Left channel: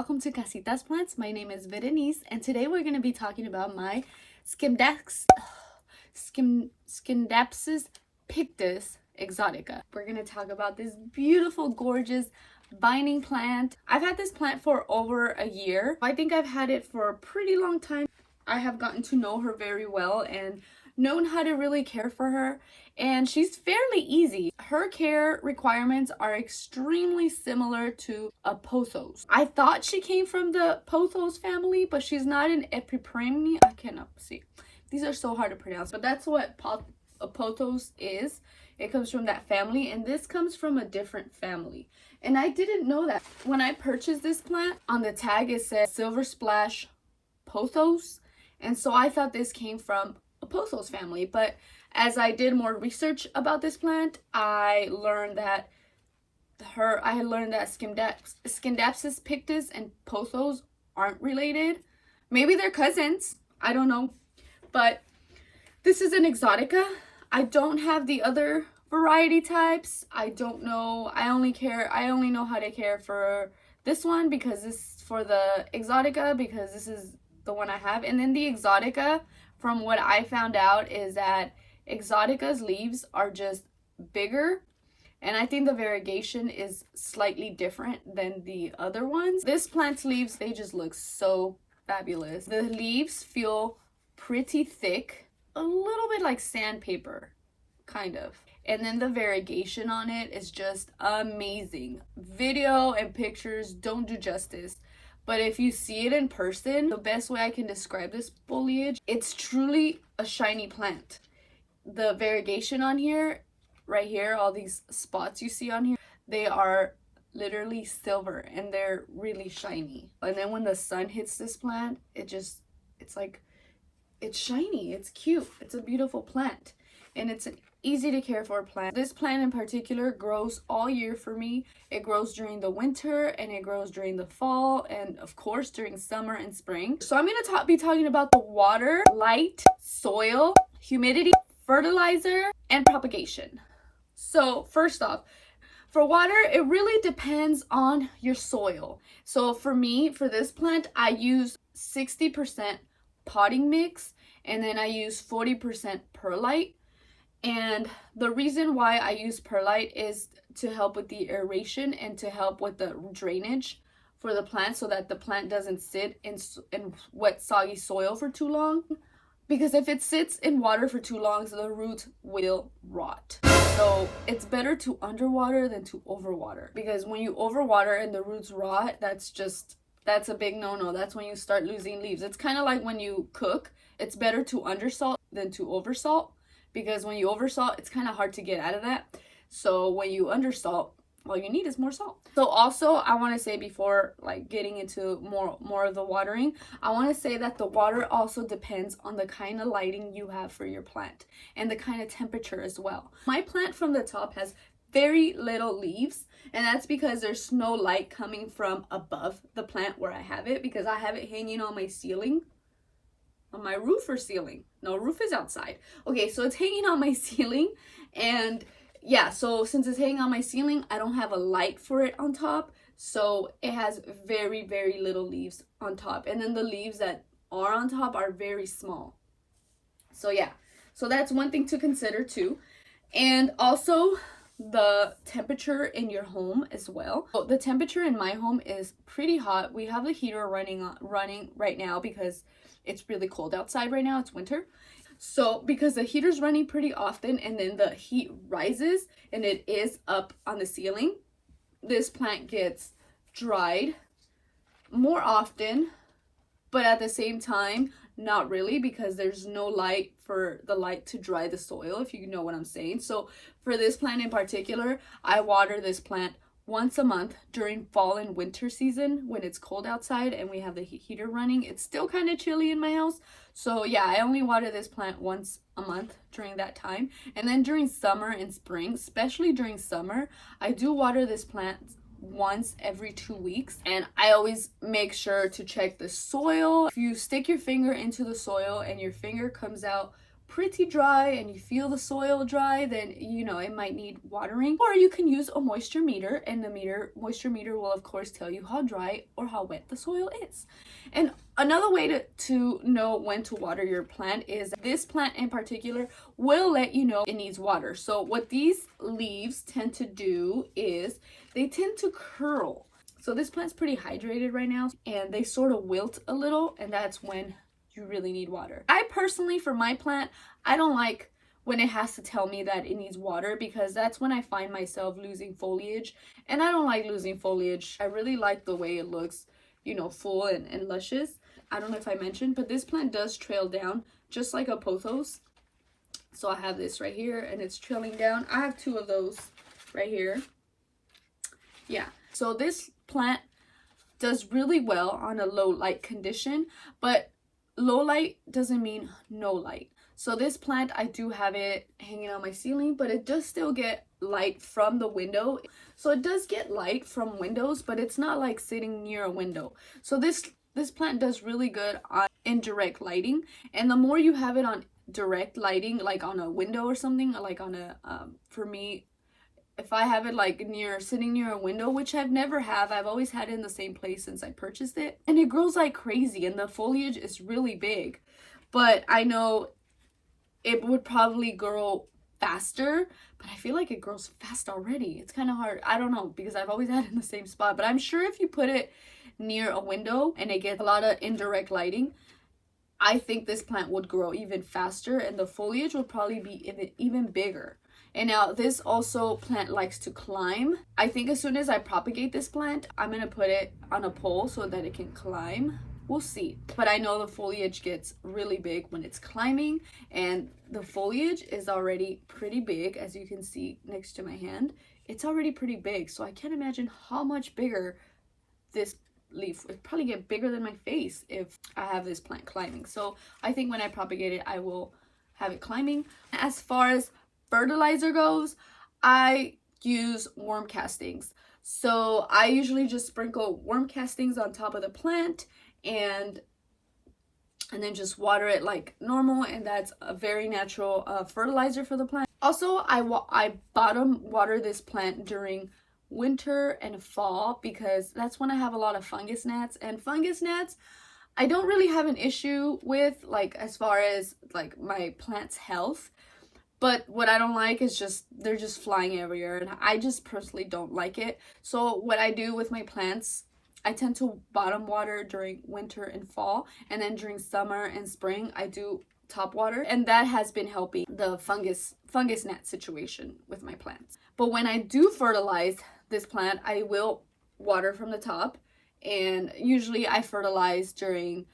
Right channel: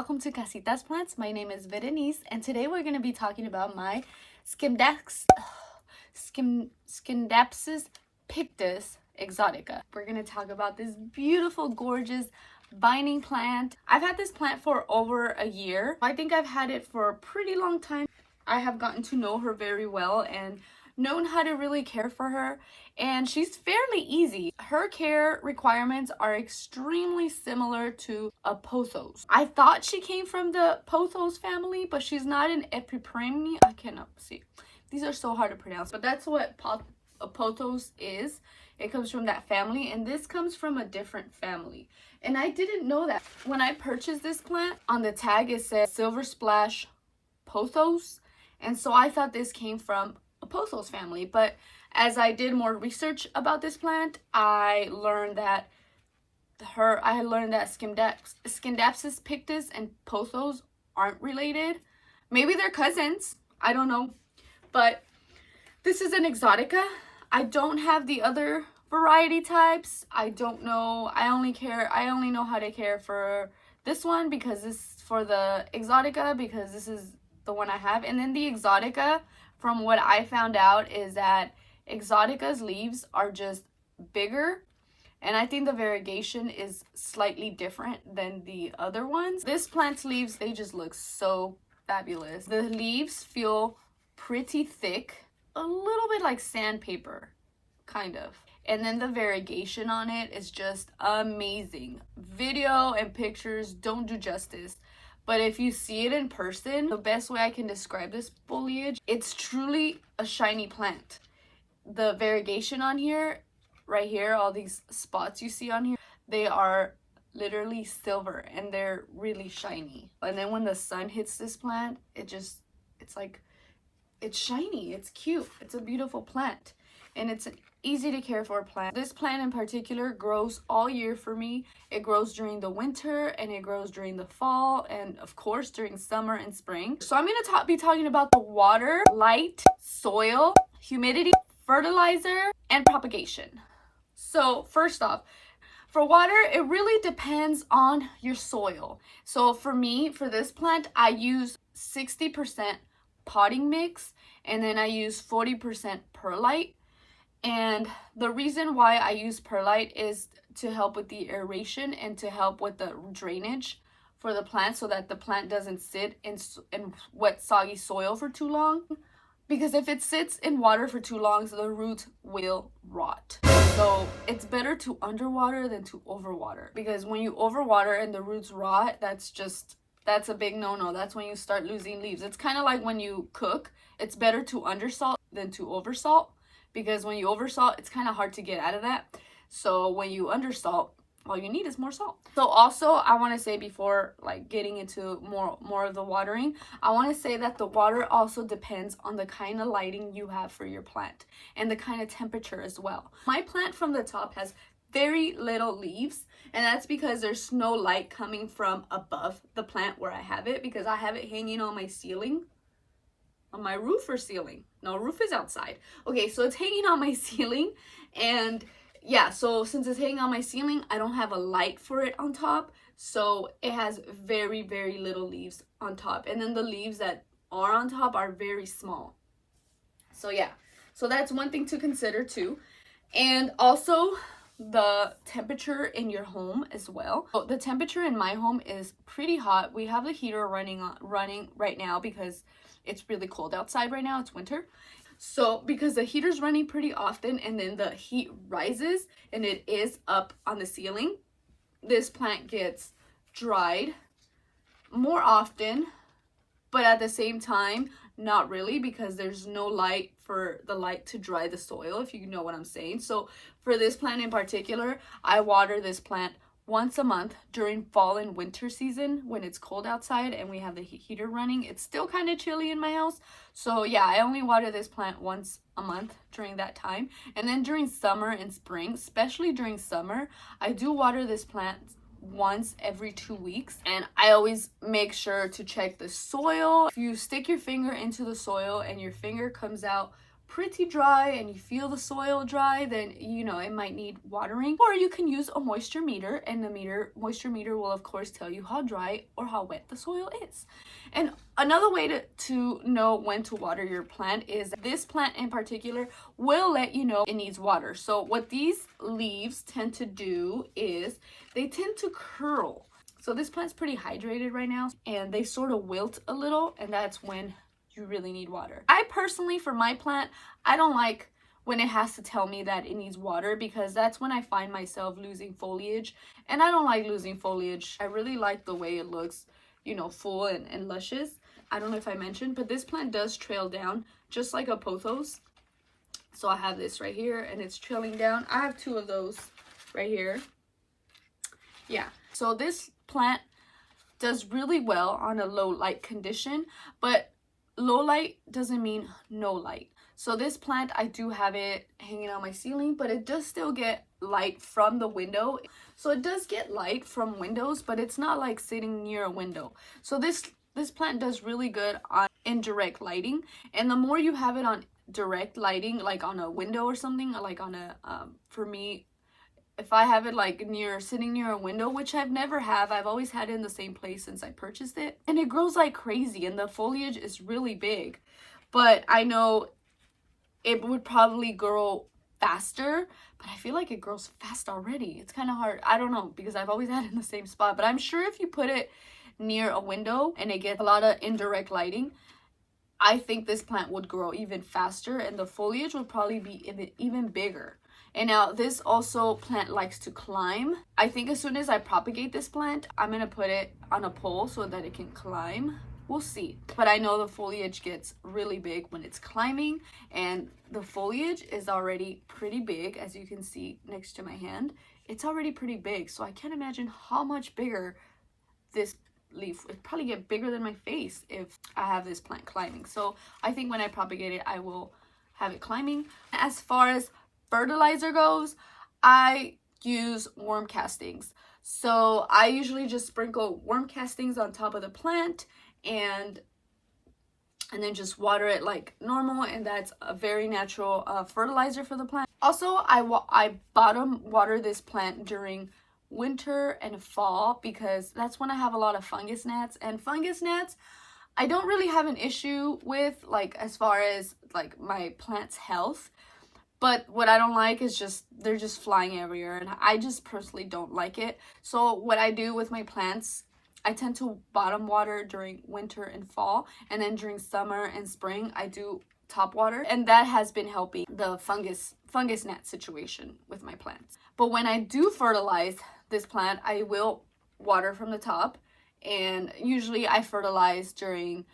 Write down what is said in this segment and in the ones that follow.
welcome to Casitas Plants. My name is Berenice, and today we're going to be talking about my Scindapsus Pictus exotica. We're going to talk about this beautiful, gorgeous vining plant. I've had this plant for over a year. I think I've had it for a pretty long time. I have gotten to know her very well and known how to really care for her, and she's fairly easy. Her care requirements are extremely similar to a pothos. I thought she came from the pothos family, but she's not an epipremne. I cannot see. These are so hard to pronounce, but that's what a pothos is. It comes from that family, and this comes from a different family. And I didn't know that. When I purchased this plant, on the tag it says Silver Splash Pothos, and so I thought this came from a pothos family. But as I did more research about this plant, I learned that Scindapsus Pictus and pothos aren't related. Maybe they're cousins, I don't know. But this is an exotica. I don't have the other variety types. I don't know. I only know how to care for this one because this is for the exotica, because this is the one I have. And then the exotica, from what I found out, is that exotica's leaves are just bigger, and I think the variegation is slightly different than the other ones. This plant's leaves, they just look so fabulous. The leaves feel pretty thick, a little bit like sandpaper, kind of. And then the variegation on it is just amazing. Video and pictures don't do justice, but if you see it in person, the best way I can describe this foliage, it's truly a shiny plant. The variegation on here, right here, all these spots you see on here, they are literally silver and they're really shiny. And then when the sun hits this plant, it's shiny, it's cute, it's a beautiful plant, and it's an easy to care for plant. This plant in particular grows all year for me. It grows during the winter, and it grows during the fall, and of course during summer and spring. So I'm going to be talking about the water, light, soil, humidity, fertilizer, and propagation. So first off, for water, it really depends on your soil. So for me, for this plant, I use 60% potting mix, and then I use 40% perlite. And the reason why I use perlite is to help with the aeration and to help with the drainage for the plant, so that the plant doesn't sit in wet, soggy soil for too long. Because if it sits in water for too long, the roots will rot. So it's better to underwater than to overwater. Because when you overwater and the roots rot, that's a big no-no. That's when you start losing leaves. It's kind of like when you cook. It's better to undersalt than to oversalt. Because when you oversalt, it's kind of hard to get out of that. So when you undersalt, all you need is more salt. So also, I want to say, before getting into more of the watering, I want to say that the water also depends on the kind of lighting you have for your plant and the kind of temperature as well. My plant from the top has very little leaves, and that's because there's no light coming from above the plant where I have it, because I have it hanging on my ceiling. On my roof or ceiling? No, roof is outside. Okay, so it's hanging on my ceiling, and yeah, so since it's hanging on my ceiling, I don't have a light for it on top, so it has very, very little leaves on top, and then the leaves that are on top are very small. So yeah, so that's one thing to consider too. And also the temperature in your home as well. So the temperature in my home is pretty hot. We have the heater running right now because it's really cold outside right now. It's winter. So because the heater's running pretty often, and then the heat rises and it is up on the ceiling, this plant gets dried more often, but at the same time, not really, because there's no light for the light to dry the soil, if you know what I'm saying. So for this plant in particular, I water this plant once a month during fall and winter season when it's cold outside and we have the heater running. It's still kind of chilly in my house, so yeah, I only water this plant once a month during that time. And then during summer and spring, especially during summer, I do water this plant once every 2 weeks, and I always make sure to check the soil. If you stick your finger into the soil and your finger comes out pretty dry and you feel the soil dry, then you know it might need watering. Or you can use a moisture meter, and the moisture meter will of course tell you how dry or how wet the soil is. And another way to know when to water your plant is this plant in particular will let you know it needs water. So what these leaves tend to do is they tend to curl. So this plant's pretty hydrated right now, and they sort of wilt a little, and that's when you really need water. I personally, for my plant, I don't like when it has to tell me that it needs water, because that's when I find myself losing foliage, and I don't like losing foliage. I really like the way it looks, you know, full and luscious. I don't know if I mentioned, but this plant does trail down just like a pothos. So I have this right here and it's trailing down. I have two of those right here. Yeah, so this plant does really well on a low light condition, but low light doesn't mean no light. So this plant, I do have it hanging on my ceiling, but it does still get light from the window. So it does get light from windows, but it's not like sitting near a window. So this plant does really good on indirect lighting. And the more you have it on direct lighting, like on a window or something, like on a, for me, if I have it like sitting near a window, which I've never have, I've always had it in the same place since I purchased it. And it grows like crazy and the foliage is really big. But I know it would probably grow faster, but I feel like it grows fast already. It's kind of hard. I don't know, because I've always had it in the same spot. But I'm sure if you put it near a window and it gets a lot of indirect lighting, I think this plant would grow even faster and the foliage would probably be even bigger. And now this also plant likes to climb. I think as soon as I propagate this plant, I'm going to put it on a pole so that it can climb. We'll see. But I know the foliage gets really big when it's climbing, and the foliage is already pretty big, as you can see next to my hand. It's already pretty big, so I can't imagine how much bigger this leaf would probably get. Bigger than my face if I have this plant climbing. So I think when I propagate it, I will have it climbing. As far as fertilizer goes, I use worm castings. So I usually just sprinkle worm castings on top of the plant and then just water it like normal, and that's a very natural fertilizer for the plant. Also, I bottom water this plant during winter and fall because that's when I have a lot of fungus gnats, and fungus gnats I don't really have an issue with, like as far as like my plant's health. But what I don't like is just, they're just flying everywhere, and I just personally don't like it. So what I do with my plants, I tend to bottom water during winter and fall, and then during summer and spring, I do top water. And that has been helping the fungus gnat situation with my plants. But when I do fertilize this plant, I will water from the top, and usually I fertilize during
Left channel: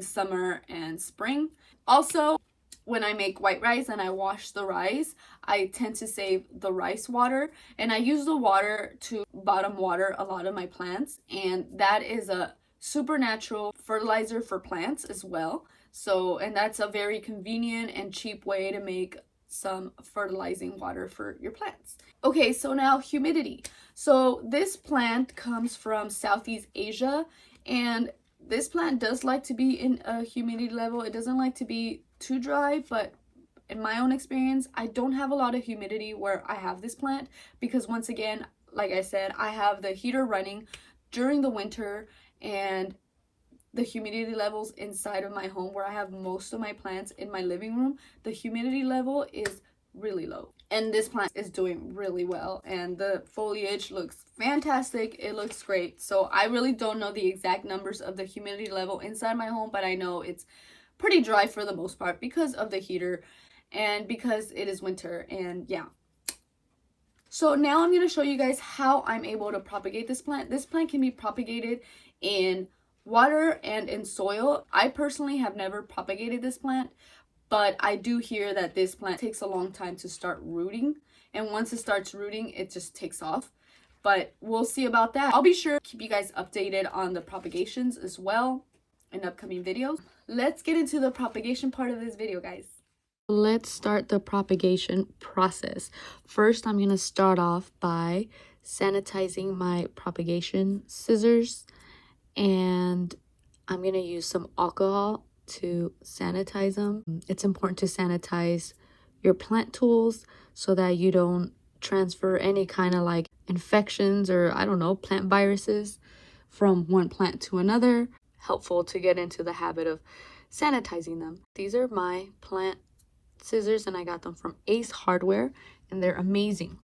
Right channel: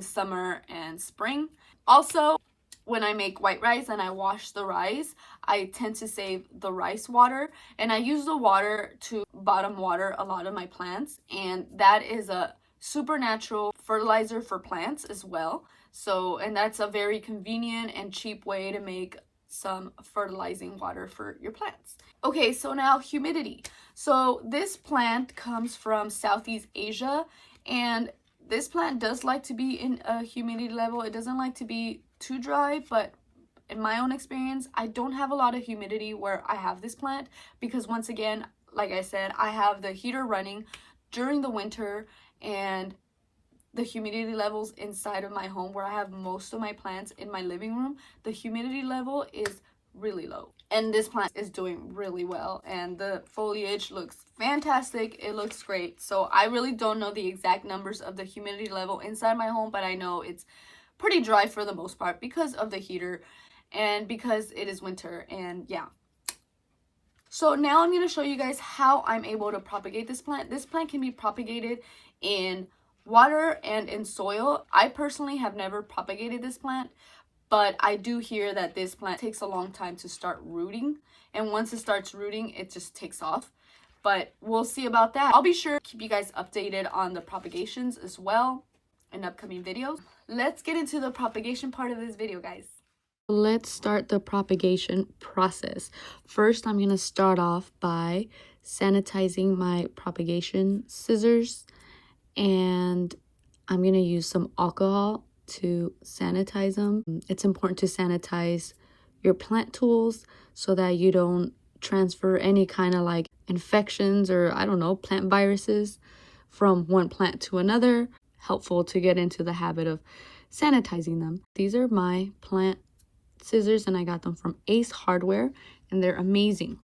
summer and spring. Also, when I make white rice and I wash the rice, I tend to save the rice water, and I use the water to bottom water a lot of my plants, and that is a supernatural fertilizer for plants as well. So, and that's a very convenient and cheap way to make some fertilizing water for your plants. Okay, so now humidity. So this plant comes from Southeast Asia, and this plant does like to be in a humidity level. It doesn't like to be too dry, but in my own experience, I don't have a lot of humidity where I have this plant, because once again, like I said, I have the heater running during the winter, and the humidity levels inside of my home where I have most of my plants in my living room, the humidity level is really low. And this plant is doing really well, and the foliage looks fantastic. It looks great. So I really don't know the exact numbers of the humidity level inside my home, but I know it's pretty dry for the most part because of the heater and because it is winter. And yeah, so now I'm going to show you guys how I'm able to propagate this plant. This plant can be propagated in water and in soil. I personally have never propagated this plant, but I do hear that this plant takes a long time to start rooting, and once it starts rooting, it just takes off. But we'll see about that. I'll be sure to keep you guys updated on the propagations as well in upcoming videos. Let's get into the propagation part of this video, guys. Let's start the propagation process. First, I'm going to start off by sanitizing my propagation scissors, and I'm going to use some alcohol to sanitize them. It's important to sanitize your plant tools so that you don't transfer any kind of like infections or I don't know, plant viruses from one plant to another. Helpful to get into the habit of sanitizing them. These are my plant scissors and I got them from Ace Hardware and they're amazing.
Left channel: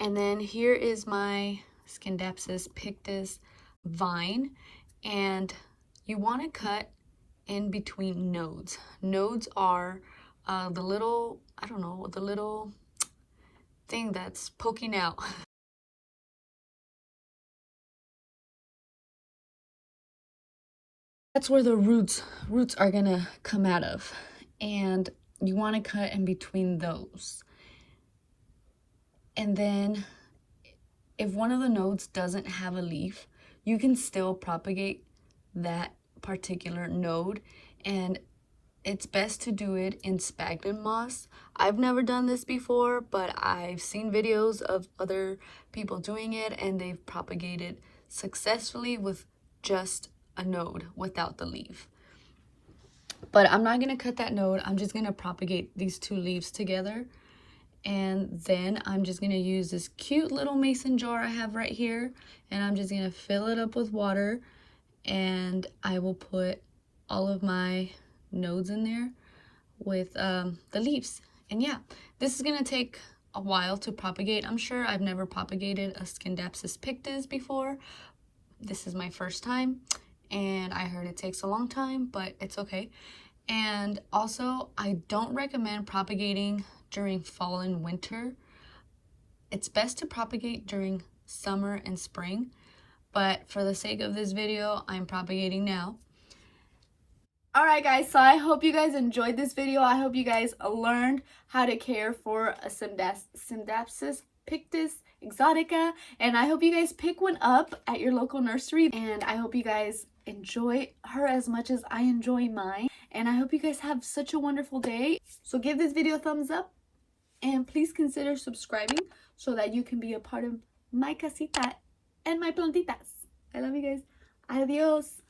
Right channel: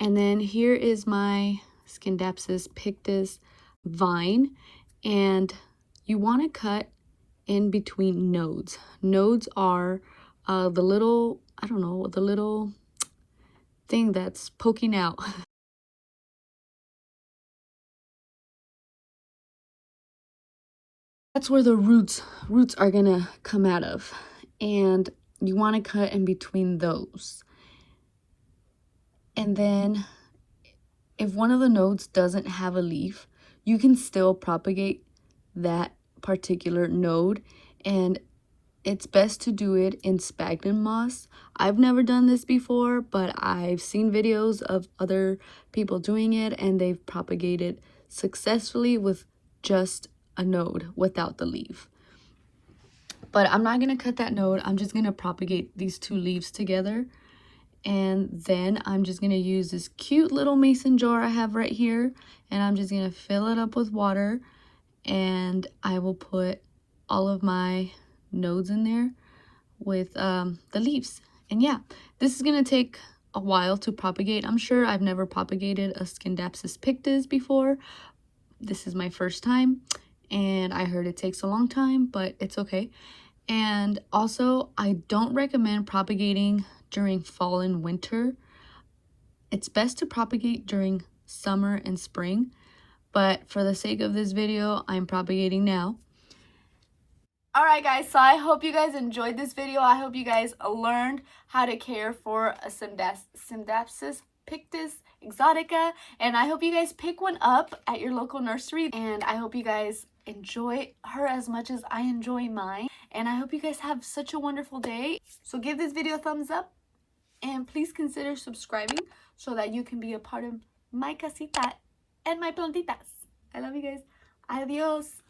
And then here is my Scindapsus Pictus vine, and you want to cut in between nodes. Nodes are the little, I don't know, the little thing that's poking out. That's where the roots are gonna come out of, and you want to cut in between those. And then if one of the nodes doesn't have a leaf, you can still propagate that particular node, and it's best to do it in sphagnum moss. I've never done this before, but I've seen videos of other people doing it and they've propagated successfully with just a node without the leaf. But I'm not going to cut that node. I'm just going to propagate these two leaves together. And then I'm just going to use this cute little mason jar I have right here. And I'm just going to fill it up with water. And I will put all of my nodes in there with the leaves. And yeah, this is going to take a while to propagate. I'm sure I've never propagated a Scindapsus Pictus before. This is my first time. And I heard it takes a long time, but it's okay. And also, I don't recommend propagating during fall and winter. It's best to propagate during summer and spring, but for the sake of this video, I'm propagating now. Alright guys, so I hope you guys enjoyed this video. I hope you guys learned how to care for a Scindapsus Pictus exotica, and I hope you guys pick one up at your local nursery, and I hope you guys enjoy her as much as I enjoy mine, and I hope you guys have such a wonderful day. So give this video a thumbs up and please consider subscribing so that you can be a part of my casita and my plantitas. I love you guys. Adios.